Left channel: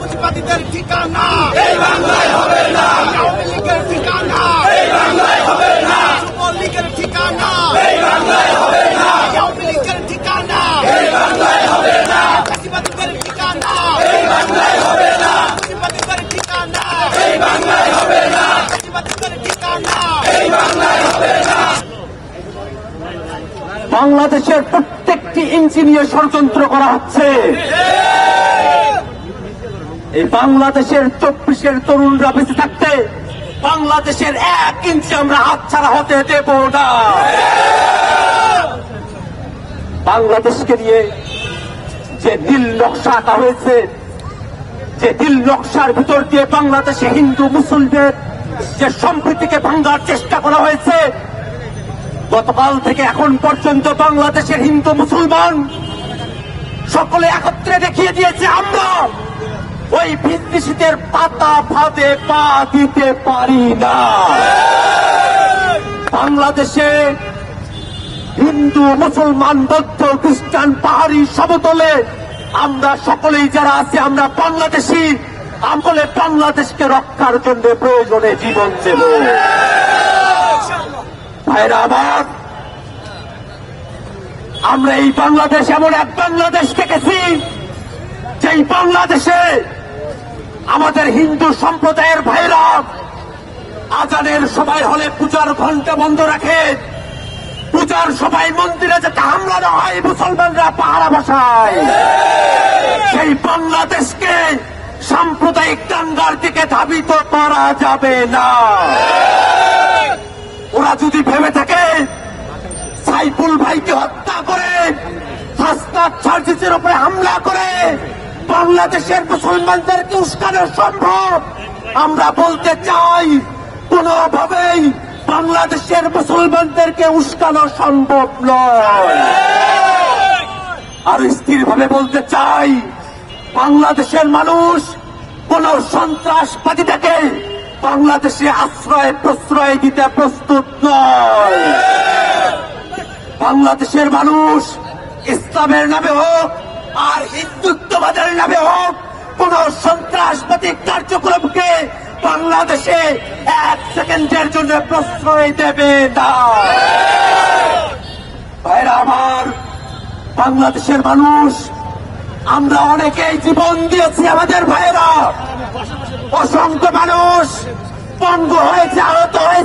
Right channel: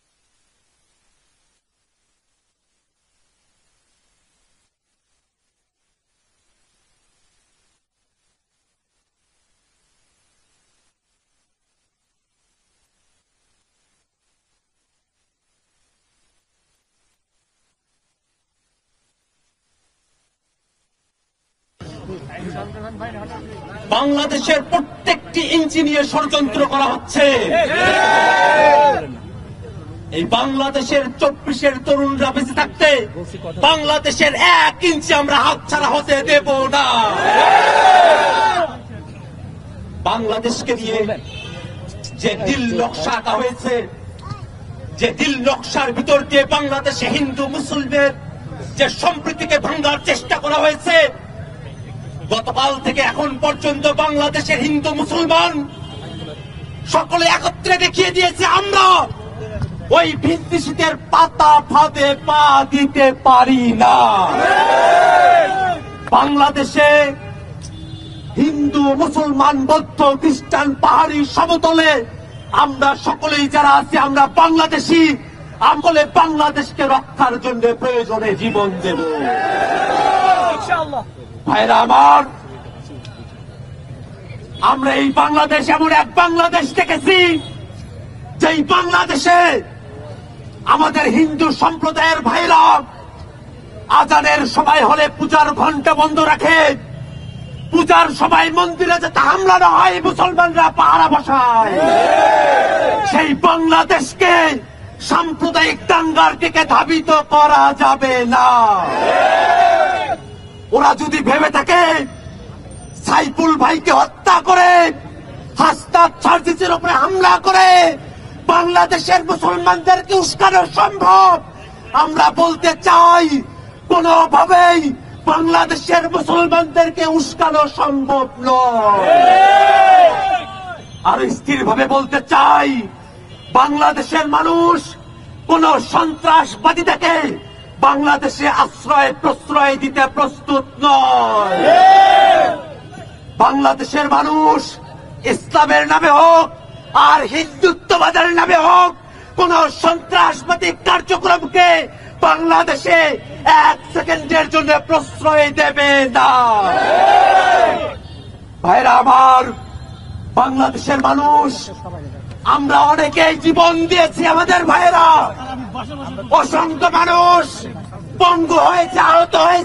মুজিবাদীদের ঠিকানা এই বাংলায় হবে না, আওয়ামী লীগের ঠিকানা এই বাংলায় হবে না, যুবলীগের ঠিকানা এই বাংলায় হবে না, আওয়ামী লীগের ঠিকানা এই বাংলায় হবে না, মুজিবাদীদের ঠিকানা এই বাংলায় হবে না, মুজিবাদীদের ঠিকানা এই বাংলায় হবে না, মুজিবাদীদের ঠিকানা এই বাংলায় হবে না। বাংলাদেশের প্রত্যেকটি ইঞ্চি নিয়ে ষড়যন্ত্র করা হচ্ছে। এই বাংলাদেশের 24-এর তরুণরা বেঁচে থাকতে বাংলাদেশের 1 ইঞ্চি আমরা হাতছাড়া হতে দেব না। বাংলাদেশকে নিয়ে যে নীল নকশা আঁকা হয়েছে, যে নীল নকশার ভিতর দিয়ে বাংলাদেশে হিন্দু মুসলিমদের যে সম্প্রীতিকে ভাঙার চেষ্টা করা হয়েছে, গতকাল থেকে এখন পর্যন্ত বাংলাদেশের হিন্দু মুসলমান সকলে একত্রে দেখিয়ে দিয়েছে আমরা ওই বিদ্বেষীদের পাতা ফাঁদে পা দিতে পারি না। বাংলাদেশে হিন্দু মুসলমান বৌদ্ধ খ্রিস্টান পাহাড়ি সমতলে আমরা সকলেই যারা আছি আমরা বাংলাদেশি, আমলে বাংলাদেশকে রক্ষার জন্য প্রয়োজনে জীবন দেব। ভাইরা আমার, আমরা এই বাংলাদেশ এমন এক বাংলাদেশ দেখেছি যেই বাংলাদেশে আমাদের হিন্দু সম্প্রদায়ের ভাইরা আজানের সময় হলে পূজার ঘণ্টা বন্ধ রাখে, পূজার সময় মন্দিরে যাতে হামলা না হয় মুসলমানরা পাহারা বসায়। সেই বাংলাদেশকে সাম্প্রদায়িক দাঙ্গার দিকে ধাবিত করা যাবে না। ওরা যদি ভেবে থাকে সাইফুল ভাইকে হত্যা করে হাসনাত সার্জিসের উপরে হামলা করে বাংলাদেশের মুসলমানদেরকে উস্কানো সম্ভব, আমরা বলতে চাই কোনোভাবেই বাংলাদেশের মুসলমানদেরকে উস্কানো সম্ভব নয়। আর স্থিরভাবে বলতে চাই বাংলাদেশের মানুষ কোন সন্ত্রাসবাদী থেকে বাংলাদেশে আশ্রয় প্রশ্রয় দিতে প্রস্তুত নয়। বাংলাদেশের মানুষ ইসলামের নামে হোক আর হিন্দুত্ববাদের নামে হোক কোন সন্ত্রাসবাদী কার্যক্রমকে বাংলাদেশে 1 সেকেন্ডের জন্য প্রশ্রয় দেবে না। ভাইরা আমার, বাংলাদেশের মানুষ আমরা অনেকেই জীবন দিয়েছি, আমাদের ভাইয়েরা অসংখ্য মানুষ পঙ্গু হয়েছে, আহত হয়েছে।